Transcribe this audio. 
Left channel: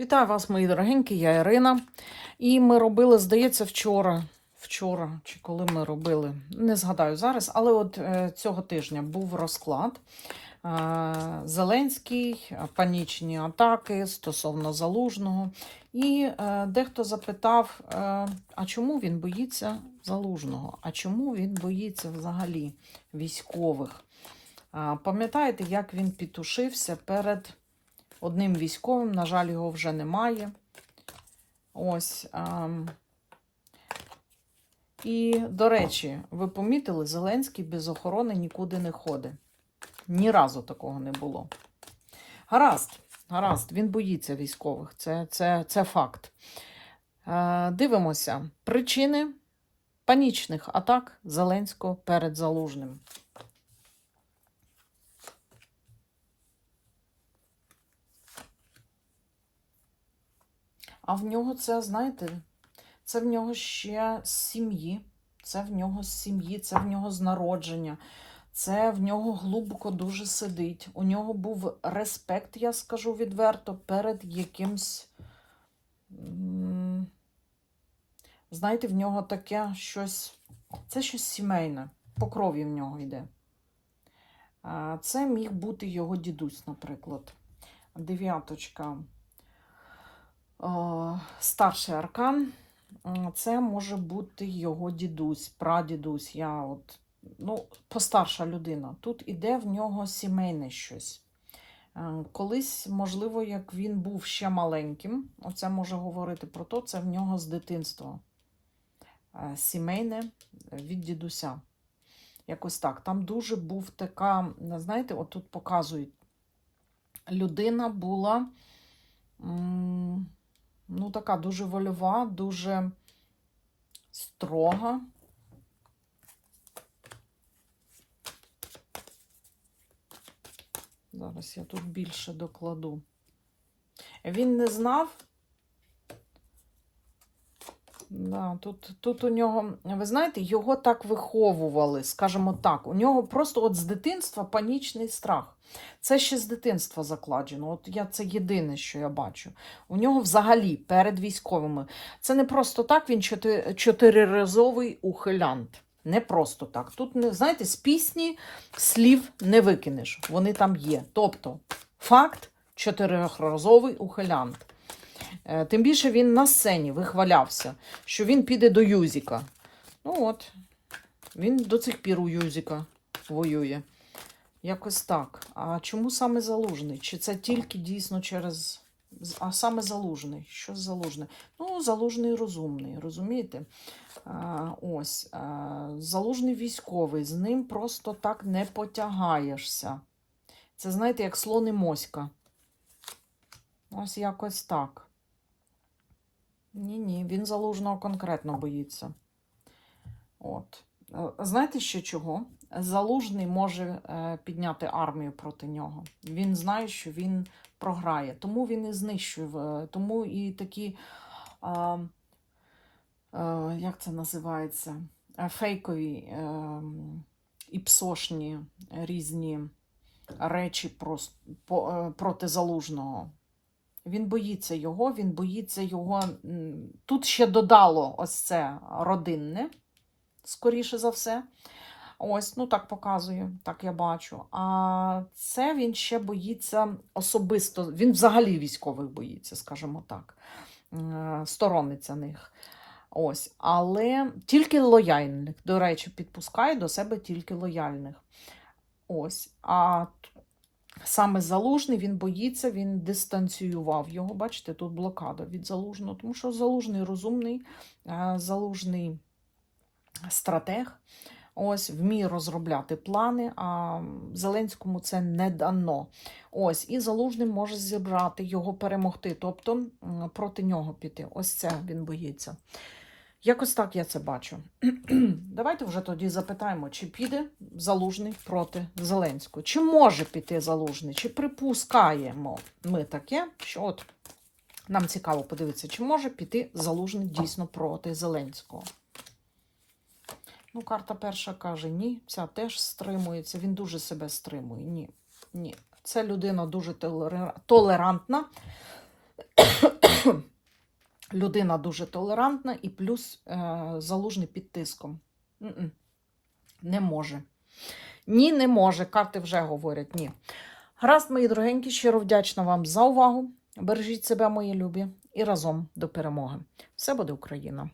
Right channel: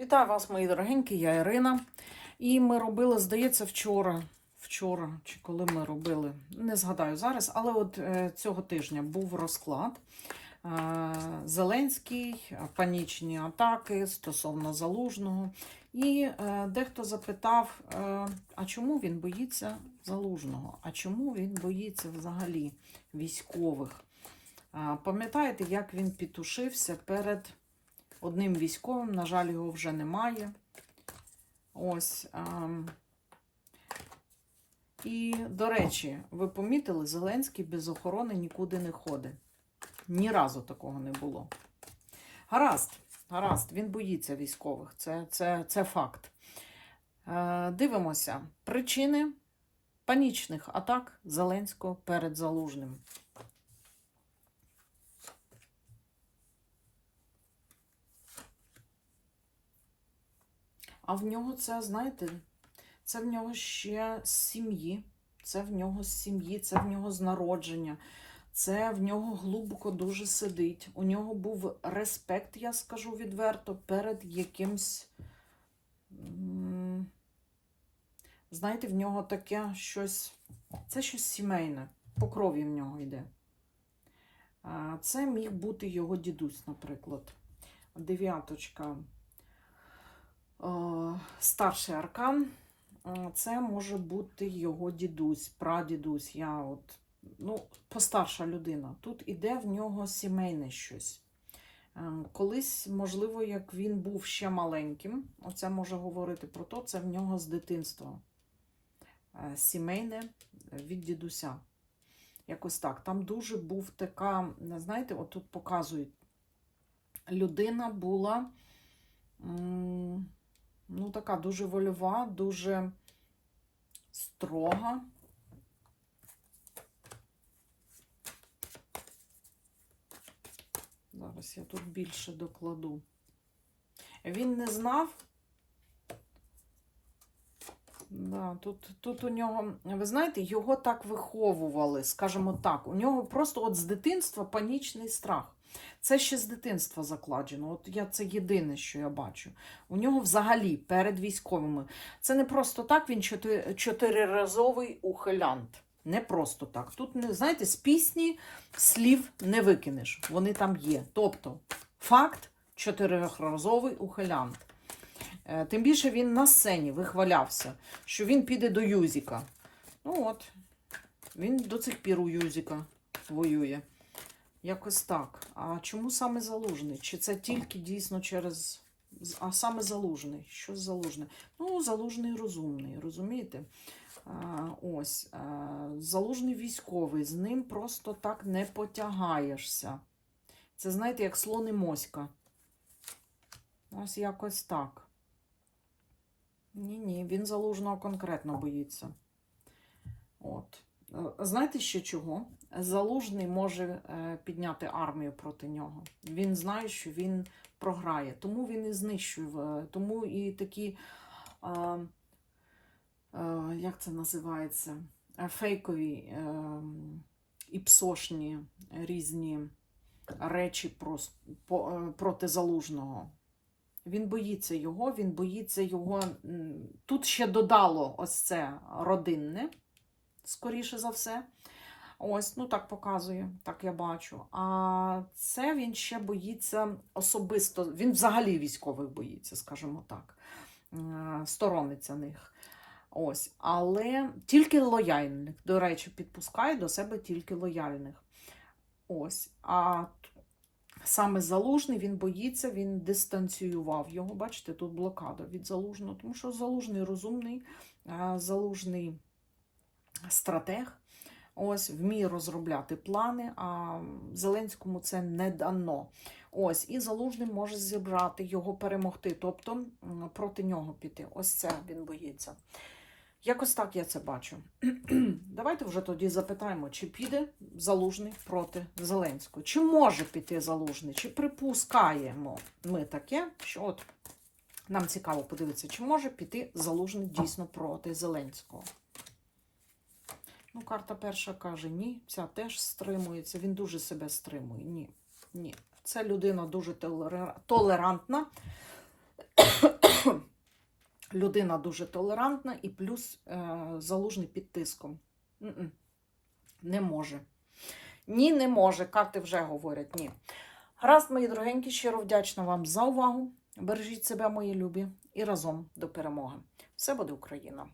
Вітаю вас, мої дорогенькі, я Ірина. І ми робили, здається, вчора. Вчора, чи коли ми робили, не згадаю зараз, але от е, цього тижня був розклад. Е, Зеленський, панічні атаки стосовно залужного. І е, дехто запитав, а чому він боїться залужного? А чому він боїться взагалі військових? Пам'ятаєте, як він підтушився перед одним військовим, на жаль, його вже немає. Ось. ем. І, до речі, ви помітили, Зеленський без охорони нікуди не ходить. Ні разу такого не було. Гаразд, гаразд, він боїться військових, це, це, це факт. Е, дивимося. Причини панічних атак Зеленського перед Залужним. А в нього це, знаєте, це в нього ще з сім'ї, це в нього з сім'ї, це в нього з народження, це в нього глибоко дуже сидить. У нього був респект, я скажу відверто, перед якимсь. Знаєте, в нього таке щось. Це щось сімейне, по крові в нього йде. Це міг бути його дідусь, наприклад. Дев'яточка. О, старший аркан. Це може бути його дідусь, прадідусь. Я от, ну, постарша людина. Тут іде в нього сімейне щось. Е, Колись, можливо, як він був ще маленьким, оце може говорити про то, це в нього з дитинства. Е, Сімейне від дідуся. Якось так. Там дуже був така, знаєте, от тут показують, людина була. Ну, така дуже вольова, дуже строга. Зараз я тут більше докладу. Він не знав. Да, тут, тут у нього, ви знаєте, його так виховували, скажімо так. У нього просто от з дитинства панічний страх. Це ще з дитинства закладено. От я це єдине, що я бачу. У нього взагалі перед військовими. Це не просто так, він чотириразовий ухилянт. Не просто так. Тут, знаєте, з пісні слів не викинеш. Вони там є. Тобто, факт чотириразовий ухилянт. Е, Тим більше він на сцені вихвалявся, що він піде до Юзіка. Ну от, він до цих пір у Юзіка воює. Якось так. А чому саме залужний? Чи це тільки дійсно через. А саме залужний? Що з залужний? Ну, залужний розумний, розумієте? А, ось, а, залужний військовий, з ним просто так не потягаєшся. Це, знаєте, як слон і моська. Ось якось так. Ні, ні, він залужного конкретно боїться. От. Е, Знаєте ще чого? Залужний може е, підняти армію проти нього. Він знає, що він програє. Тому він і знищує. е, Тому і такі, а, а, як це називається? Фейкові е, і псошні різні речі прос- по- проти залужного. Він боїться його, він боїться його. Тут ще додало ось це родинне, скоріше за все. Ось, ну так показує, так я бачу. А це він ще боїться особисто. Він взагалі військових боїться, скажімо так. Е, Сторониться них. Ось, але тільки лояльних. До речі, підпускає до себе тільки лояльних. Ось. А саме залужний він боїться, він дистанціював його. Бачите, тут блокада від залужного, тому що залужний розумний, е, залужний стратег. Ось вміє розробляти плани, а Зеленському це не дано. Ось, і залужний може зібрати його перемогти, тобто проти нього піти. Ось це він боїться. Якось так я це бачу. Давайте вже тоді запитаємо, чи піде залужний проти Зеленського. Чи може піти залужний, чи припускаємо ми таке, що от нам цікаво подивитися, чи може піти залужний дійсно проти Зеленського. Ну, карта перша каже, ні, ця теж стримується. Він дуже себе стримує. Ні. Ні. Це людина дуже толерантна. Людина дуже толерантна і плюс е, залужний під тиском. Не може. Ні, не може. Карти вже говорять ні. Гаразд, мої дорогенькі, щиро вдячна вам за увагу. Бережіть себе, мої любі, і разом до перемоги. Все буде Україна!